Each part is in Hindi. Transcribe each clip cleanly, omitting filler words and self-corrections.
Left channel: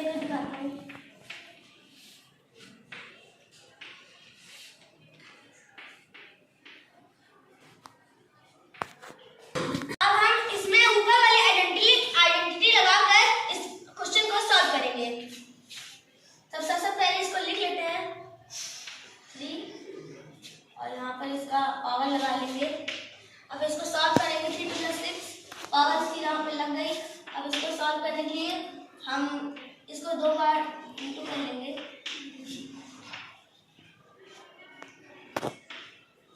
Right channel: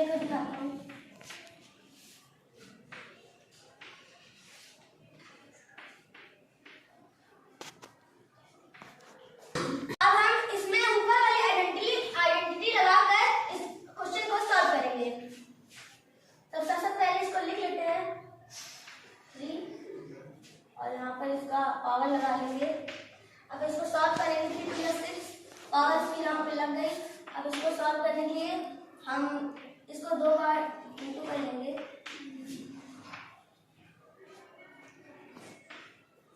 लेकर दिखाता हूँ। अब हम इसमें ऊपर वाली आइडेंटिटी लगाकर इस क्वेश्चन को सॉल्व करेंगे। तो सबसे पहले इसको लिख लेते हैं 3 और यहाँ पर इसका पावर लगा लेंगे। अब इसको सॉल्व करेंगे। 3 + 6 पावर 3 यहाँ पर लग गई। अब इसको सॉल्व करने के लिए हम इसको 2 बार इंटू कर लेंगे।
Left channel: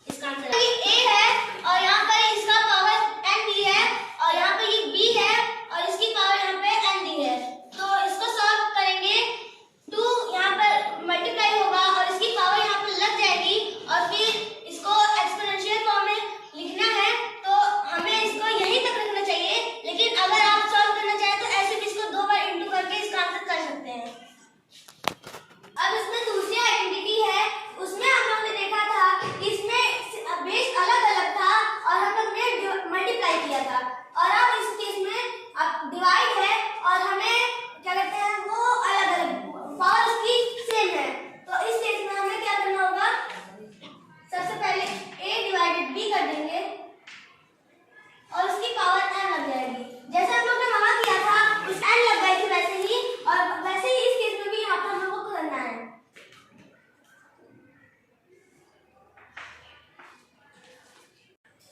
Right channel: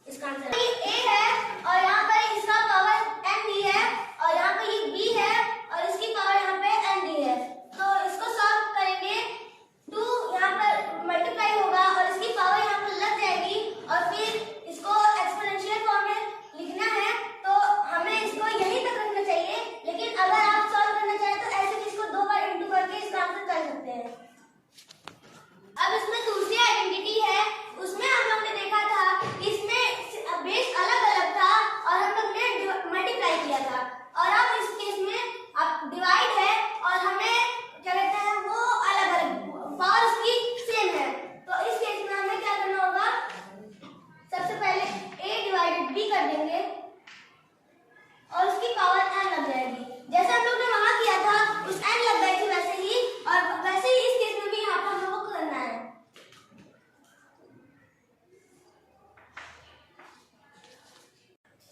इसका आंसर ए है और यहाँ पर इसका पावर n दी है और यहाँ पे ये b है और इसकी पावर यहाँ पे n दी है। तो इसको सॉल्व करेंगे। 2 यहाँ पर मल्टीप्लाई होगा और इसकी पावर यहाँ पर लग जाएगी और फिर इसको एक्सपोनेंशियल फॉर्म में लिखना है। तो हमें इसको यहीं तक रखना चाहिए, लेकिन अगर आप सॉल्व करना चाहें तो ऐसे भी इसको 2 बार इंटू करके इसका आंसर कर सकते हैं। अब इसमें दूसरी आइडेंटिटी है, उसमें हम लोग ने देखा था कि इसमें बेस अलग अलग था और हम लोग ने मल्टीप्लाई किया था। और अब इस केस में अब डिवाइड है और हमें क्या कहते हैं वो अलग अलग पावर उसकी सेम है। तो इस केस में हमें क्या करना होगा, सबसे पहले a/b कर देंगे और उसकी पावर n लग जाएगी। जैसे हम लोग ने वहां किया था उस n लग गई थी वैसे ही, और वैसे ही इस केस में भी यहाँ पर हम लोगों को करना है।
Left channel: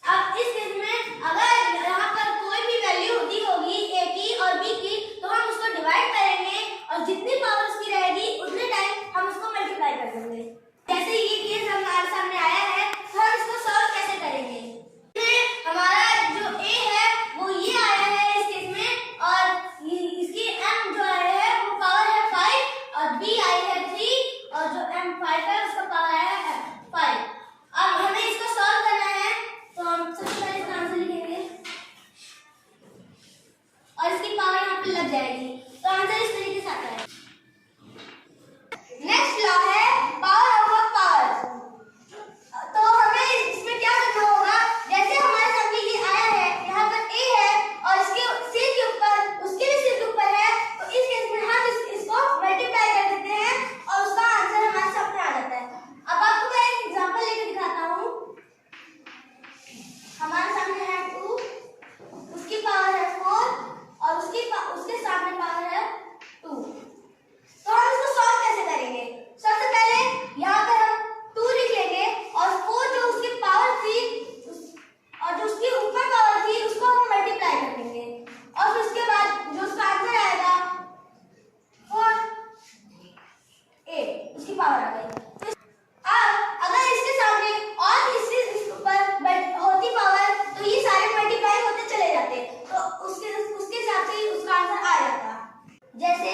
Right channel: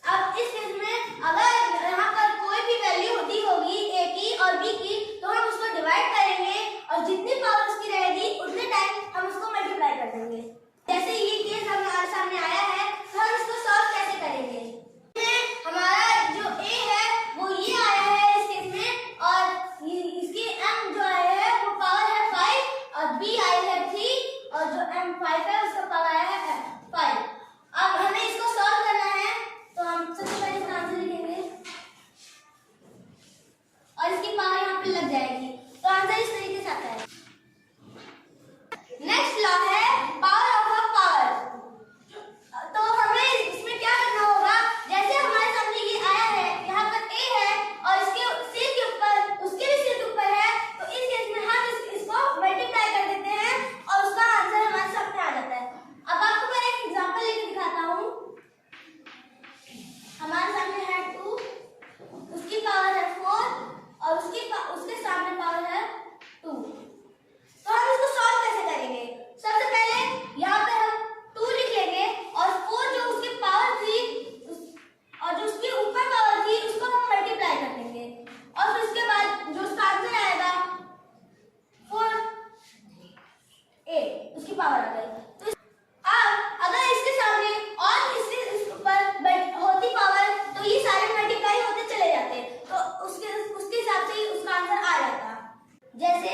अब इस केस में अगर यहाँ पर कोई भी वैल्यू होती होगी a की और b की, तो हम उसको डिवाइड करेंगे और जितनी पावर उसकी रहेगी उतने टाइम हम उसको मल्टीप्लाई कर देंगे। जैसे ये केस हमारे सामने आया है, तो हम इसको सॉल्व कैसे करेंगे। हमारा जो a है वो ये आया है इस केस में, और इसकी m जो आया है वो पावर है 5 और b आई है 3 और जो m5 है उसका पावर है 5। अब हमें इसको सॉल्व करना है, तो हम सबसे पहले इसका आंसर लिखेंगे और इसकी पावर यहाँ पे लग जाएगी। तो आंसर इस तरीके से आता है। नेक्स्ट लॉ है पावर ऑफ पावर। तो हमें इसमें क्या करना होगा, जैसे हमारे सामने ये आया है, यहाँ पर a है और इसके सिर के ऊपर उसके भी सिर के ऊपर है, तो इस केस में हम इसको मल्टीप्लाई कर देते हैं और उसका आंसर हमारे सामने आ जाता है। अब आपको मैं एक एग्जांपल लेके दिखाता हूँ। हमारे सामने है 2, उसकी पावर है 4 और उसके सामने पावर है 2। तो हम इसको सॉल्व कैसे करेंगे। सबसे पहले यहाँ पे हम 2 लिख लेंगे और 4 जो उसकी पावर थी और जो उसके ऊपर पावर थी उसको हम मल्टीप्लाई कर देंगे और फिर उसके बाद जो उसका आंसर आएगा 4a उसकी पावर आ गई। तो अब अगर इसके सामने और इसके ऊपर होती पावर तो ये सारे मल्टीप्लाई होते चले जाते, तो उसके हिसाब से ही उसका आंसर आ जाता। जैसे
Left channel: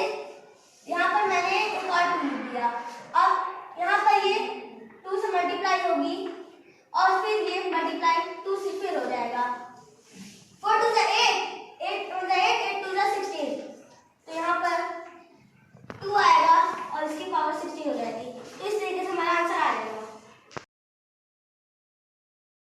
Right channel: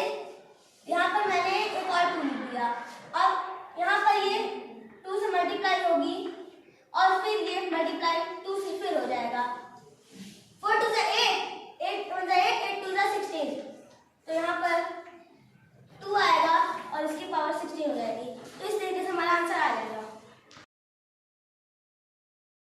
यहाँ पर मैंने एक और 2 लिख दिया। अब यहाँ पर ये 2 से मल्टीप्लाई होगी और फिर ये मल्टीप्लाई 2 से फिर हो जाएगा। 4 2 8, 8 2 8, 8 2 16। तो यहाँ पर